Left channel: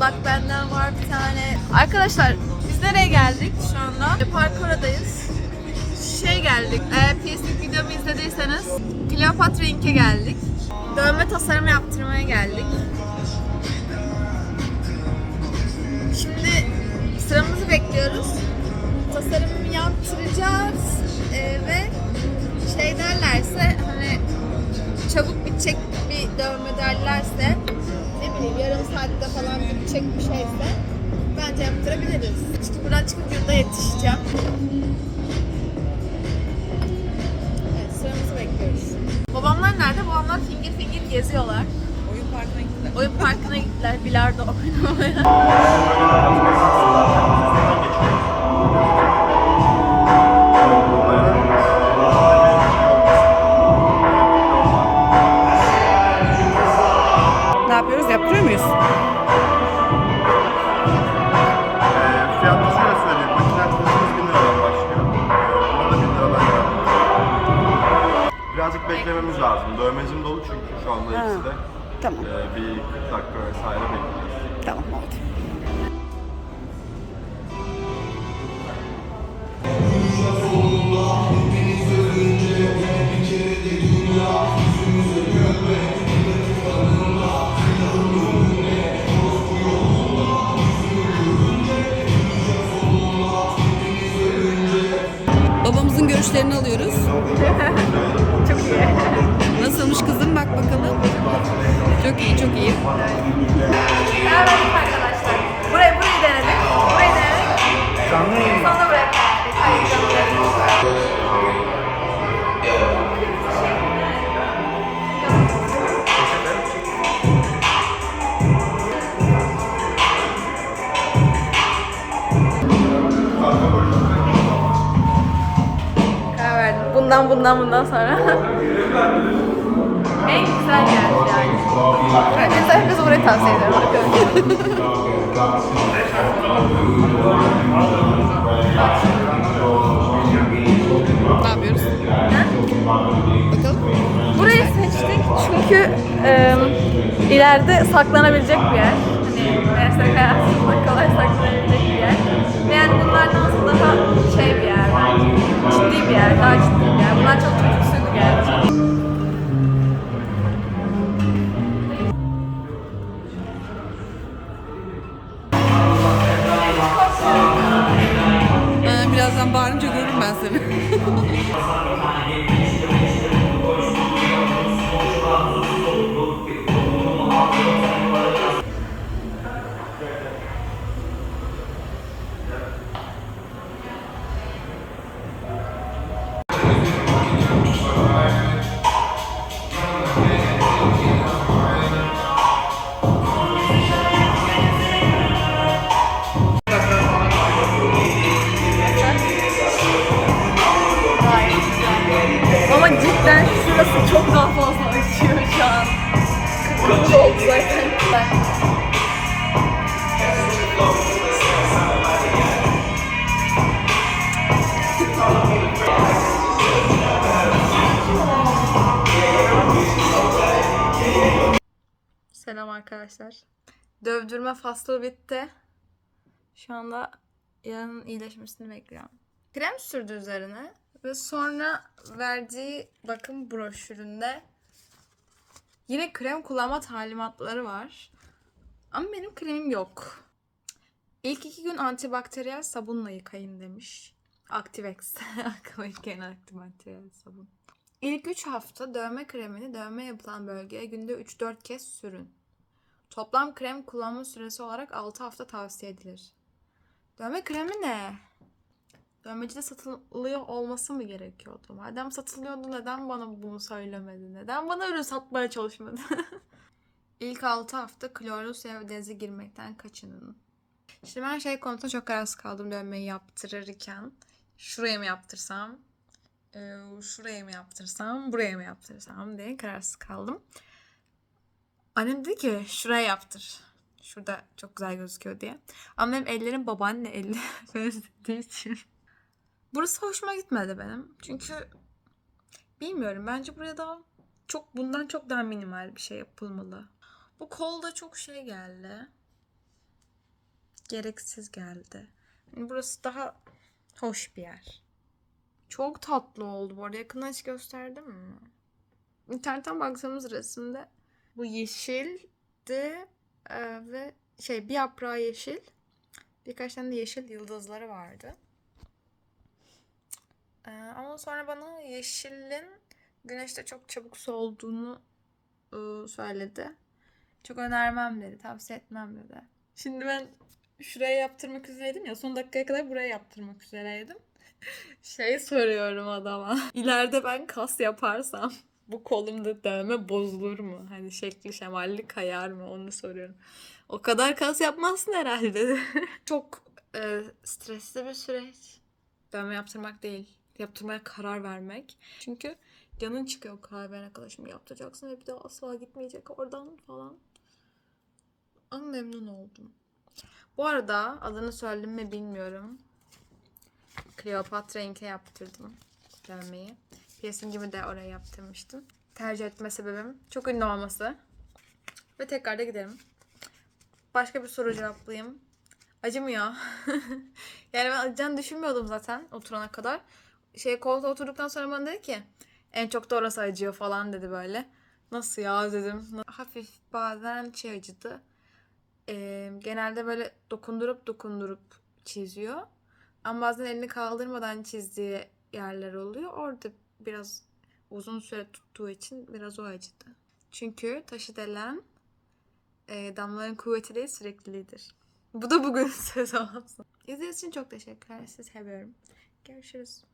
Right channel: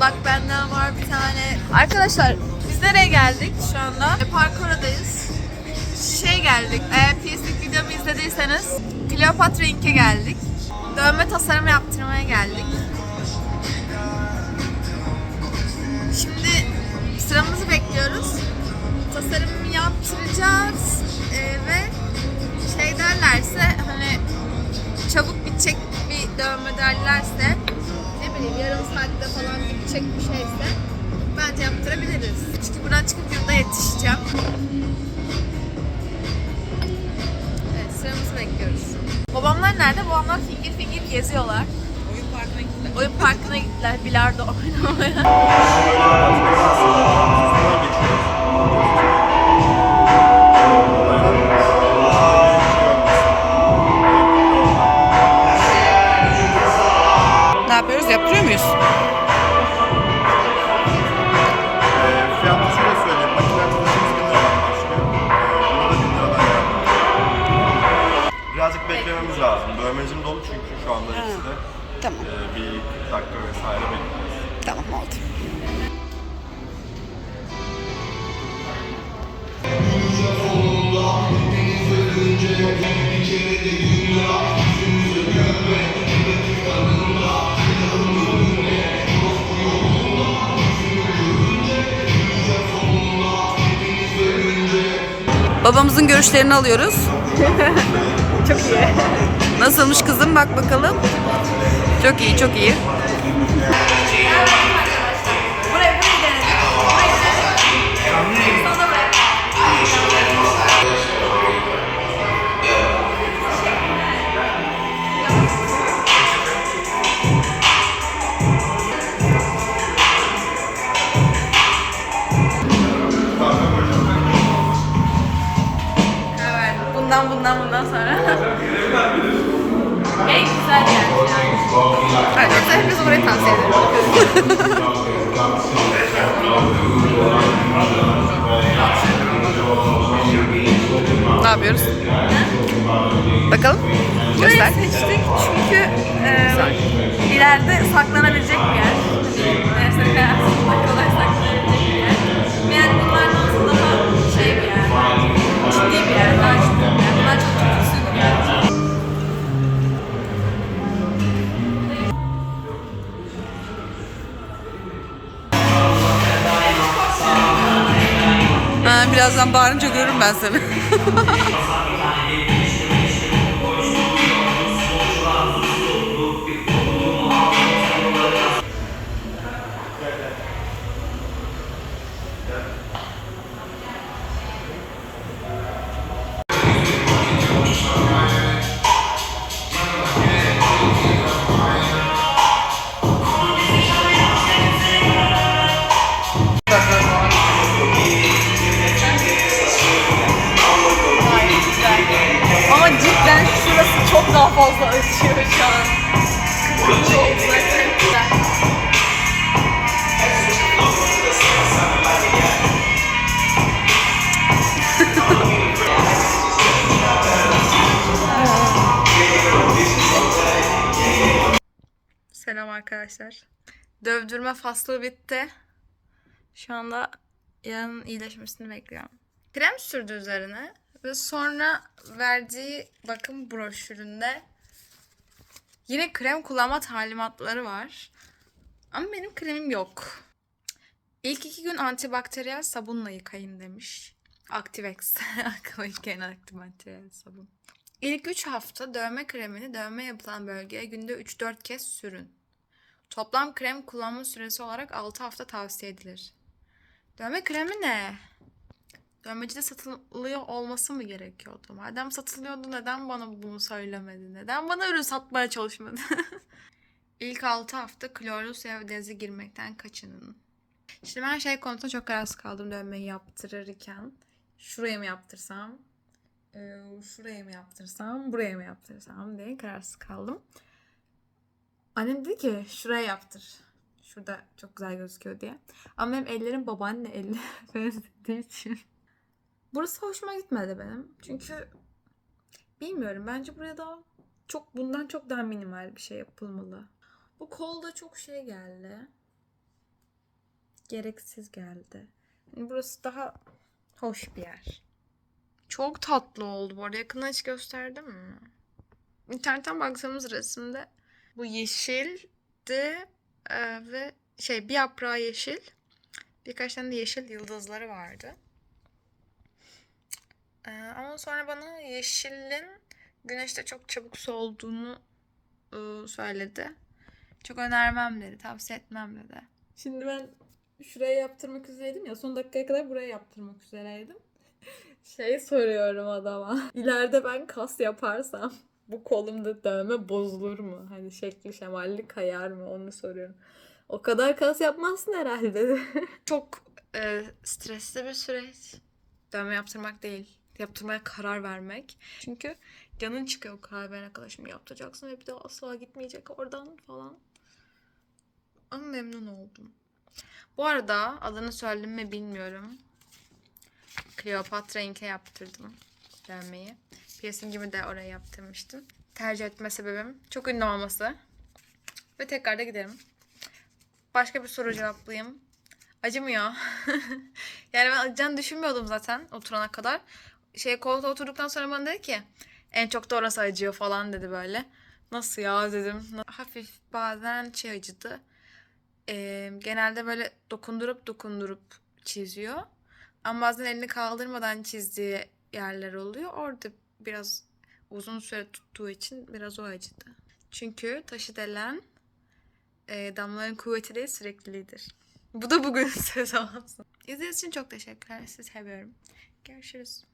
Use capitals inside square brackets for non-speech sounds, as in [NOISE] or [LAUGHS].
Bak benden var bir tane. Arkadaşlar biz nereye geldik şu anda? E, Parkuradayız. Şey geldik. Eğer piercing videomu izlediyseniz Kleopatra Ink'e geldik. Dövme tasarımı yaptırmaya geldik. Şimdi sıramızı bekliyoruz. Tasarımı yaptıracağız Ee, ve şey derlerse hani çabuk bitecek bir dövme derlerse bileyim yarım saatte falan bitecek bir şeyse bence yaptırabiliriz. Çünkü buradan çıkıp yurda yetişeceğim. Evet sıramızı bekliyoruz. Babamlar nerede? Babamlar finger finger geziyorlar. Oyun parkına gittiler. Oyun parkına gittiler bilardo oynamaya. 1000 liradan yani. Birazcık beklememiz lazım. Dövmecim dolu çünkü şu anda ikisi de. Tamam. Ee, bir 40 dakika vesaire bekliyoruz. Tamam oldu. Babamızın görüşlerini alıyoruz. [LAUGHS] Çok iyi. Nasılmış kızım bak bakalım. Çok iyi, çok iyi. Evet sonra. en güzel yer yani. Hadi. Herkese burayı tavsiye ederim. [LAUGHS] Ne yapıyoruz? Bakalım. Göster. Burayı seçtik çünkü e, ileride saklanabilecek bir yer. Hani mesela hayatımızda kolay birazdan bağırınca görürüm ben seni. [LAUGHS] Selam arkadaşlar. Dövdürme faslı bitti. Şu anda yarın iyileşmesini bekliyorum. Krem sürdü üzerine ve sonra verdiği bakım broşüründe yine krem kullanma talimatları var. Ama benim kremim yok. İlk iki gün antibakteriyel sabunla yıkayın demiş. Activex. [LAUGHS] İlk gelen antibakteriyel sabun. İlk 3 hafta dövme kremini dövme yapılan bölgeye günde 3-4 kez sürün. Toplam krem kullanma süresi olarak 6 hafta tavsiye edilir. Dövme kremi ne? Dövmecide satılıyor olması mı gerekiyordu? Madem satılıyordu neden bana bunu söylemedi? Neden bana ürün satmaya çalışmadı? [LAUGHS] İlk 6 hafta klorlu suya ve denize girmekten kaçının. Şimdi ben şey konusunda çok kararsız kaldım dövmeyi yaptırırken. Şuraya mı yaptırsam? e, Şuraya mı yaptırsam? Buraya mı yaptırsam diye kararsız kaldım. Annem dedi ki şuraya yaptır. Şurada çok güzel gözüküyor diye. Ama benim ellerim babaanne [LAUGHS] benzediği için. Burası hoşuma gitmedi benim. Çünkü bilmiyorum bence buraya daha çok bundan çok daha minimal bir şey yapılmalı. Bu kol da çok şey geldi. gereksiz geldi. Yani burası daha hoş bir yer. Çok tatlı oldu bu arada. Yakından hiç gösterdim mi? İnternetten baktığımız resimde bu yeşildi e, ve şey bir yaprağı yeşil. Birkaç tane de yeşil yıldızları vardı. E, ama sonra bana yeşilin güneşte çok çabuk solduğunu e, söyledi. Çok önermem dedi, tavsiye etmem dedi. Şimdi ben şuraya yaptırmak üzereydim ya son dakikaya kadar buraya yaptırmak üzereydim. [LAUGHS] Şey soruyorum adama. [LAUGHS] İleride ben kas yaparsam bu kolumda dövme bozulur mu? Hani şekli şemalli kayar mı? Onu soruyorum. O kadar kas yapmazsın herhalde. [LAUGHS] Çok e, stresli bir süreç. Dövme yaptırmak değil. Yaptırmaya karar vermek. Çünkü canın çıkıyor karar verene kadar şimdi yaptıracaksın ve bir daha asla gitmeyecek oradan falan. Ama memnun oldum. Bu arada adını söyledim mi bilmiyorum. Kleopatra Ink'e yaptırdım dövmeyi. Piercingimi de oraya yaptırmıştım. Tercih etme sebebim çok ünlü olması. Ve tekrar da giderim. Başka bir soru cevaplayayım. Acımıyor. [LAUGHS] yani ben acıyacağını düşünmüyordum zaten oturana kadar. Şey koltuğa oturduktan sonra bana dedi ki en çok da orası acıyor falan dedi böyle. Nasıl ya dedim. Hafif bazen şey acıdı. Ee, genelde böyle dokundurup dokundurup çiziyor. Ama bazen elini kaldırmadan çizdiği yerler oluyor. Orada biraz uzun süre tuttuğu için biraz o acıdı. Çünkü taşı delen e, damlaların kuvveti değil sürekliliğidir. Bu da bugün [LAUGHS] söz olsun. İzlediğiniz için çok teşekkürler. Sizi seviyorum. Görüşürüz.